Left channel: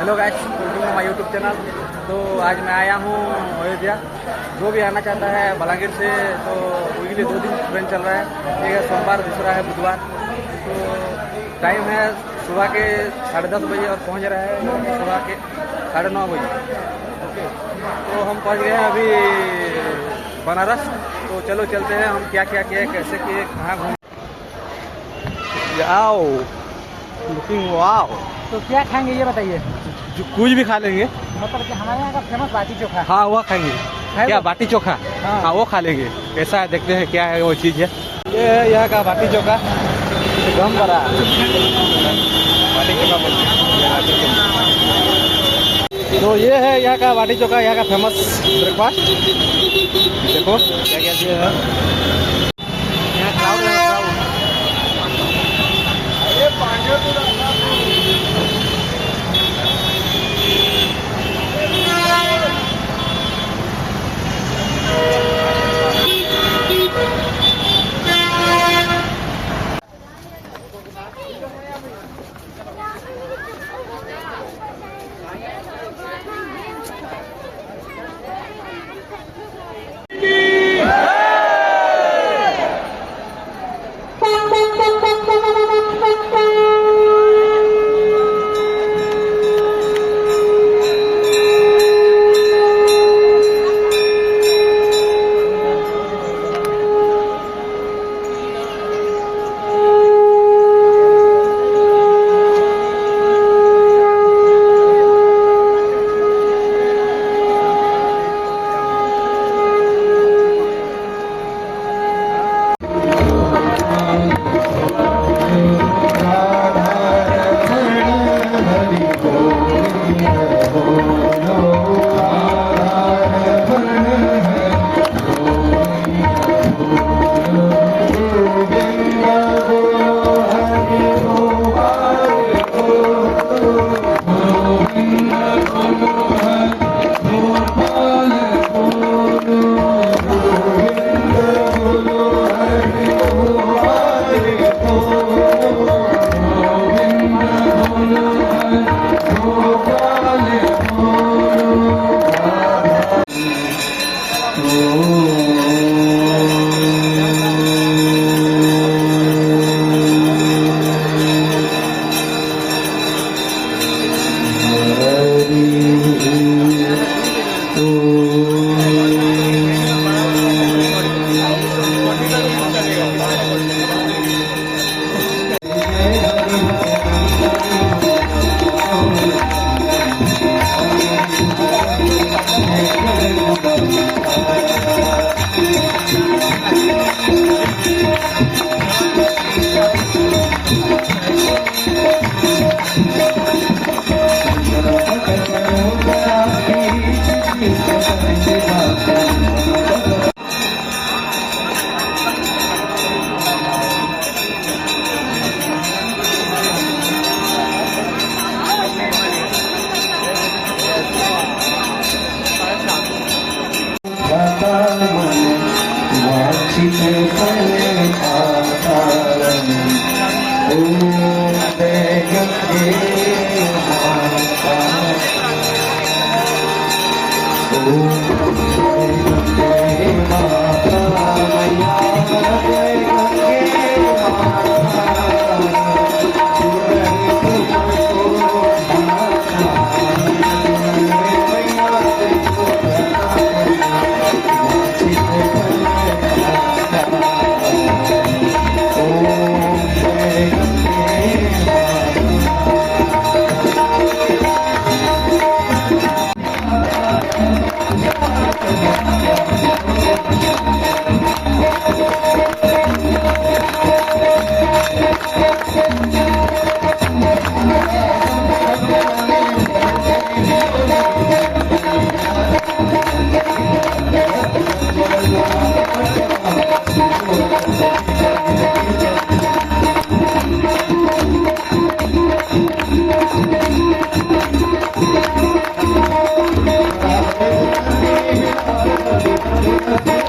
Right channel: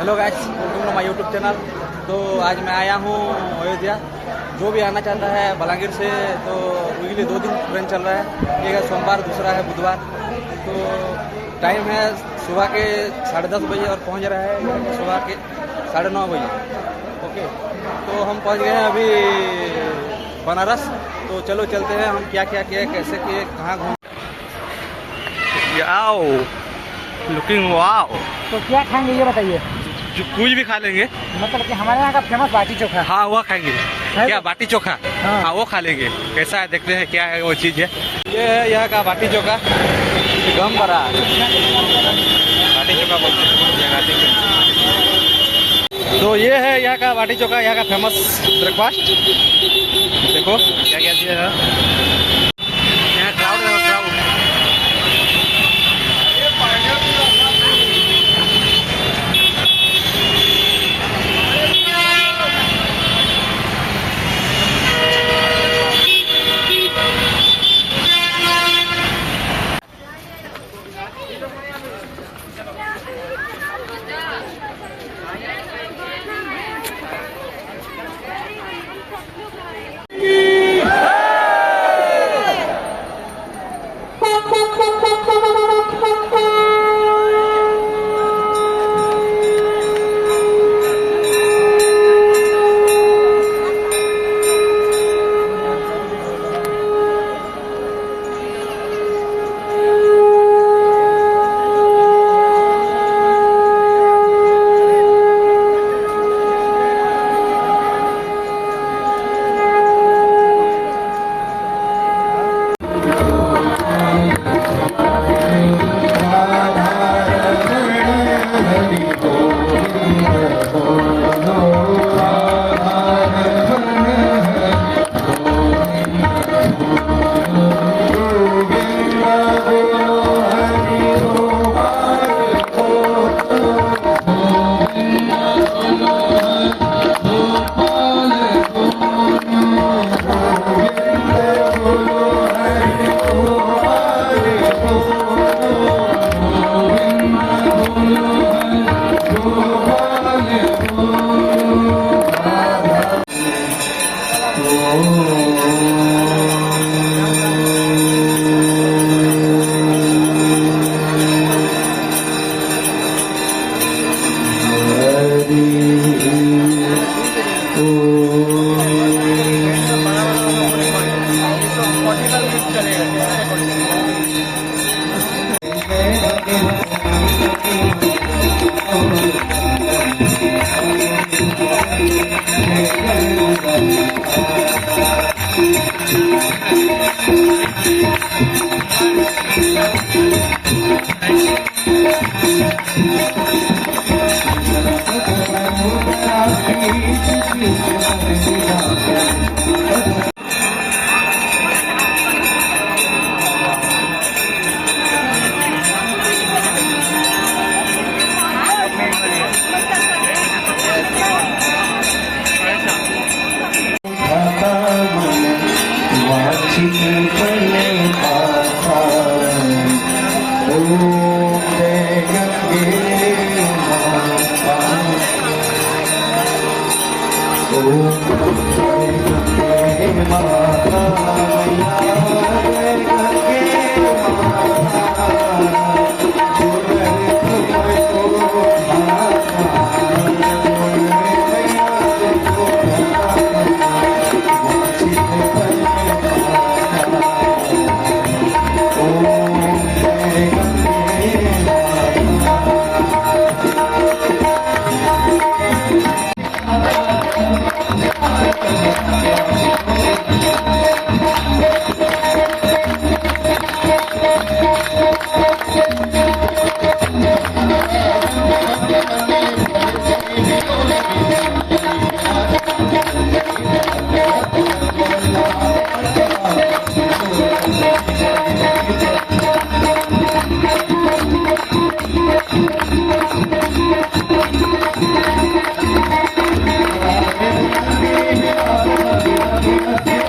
Hello guys, welcome to my YouTube channel. तो आज मैं आया हूँ अयोध्या। जो भी आना चाहता है बलांगीर से, तो वीकली 2 दिन ट्रेन चल रहा है। एक है सोमवार, दूसरा है बुधवार। तो टाइम है सुबह के 10:30 बजे और पहुँच रहा है सुबह के 9:30 बजे। ओके, तो हम पहुँच गए हैं अभी बनारस। तो चलो चलते हैं, हम क्या क्या किए, कैसे किए, कहाँ घूम। आओ, लुकिंग वाओ। तो क्या खाएंगे ये बताइए। जो कुछ भी खा लेंगे, मतलब कि हमारे यहाँ का फेमस बाटी चोखा। हाँ वो खाएंगे। क्या बाटी चोखा? हाँ वो खा लेंगे। कैसा है देखते हैं क्या है वो चीज़ है। ये है यहाँ का बाटी चोखा, गम बड़ा बाटी चोखा बोलते हैं ये बाटी चोखा। तो ये है यहाँ का बाटी चोखा, यहाँ का फेमस ब्रेकफास्ट। देखो क्या क्या दिया है यहाँ। क्राउड है, क्राउड। Thank you.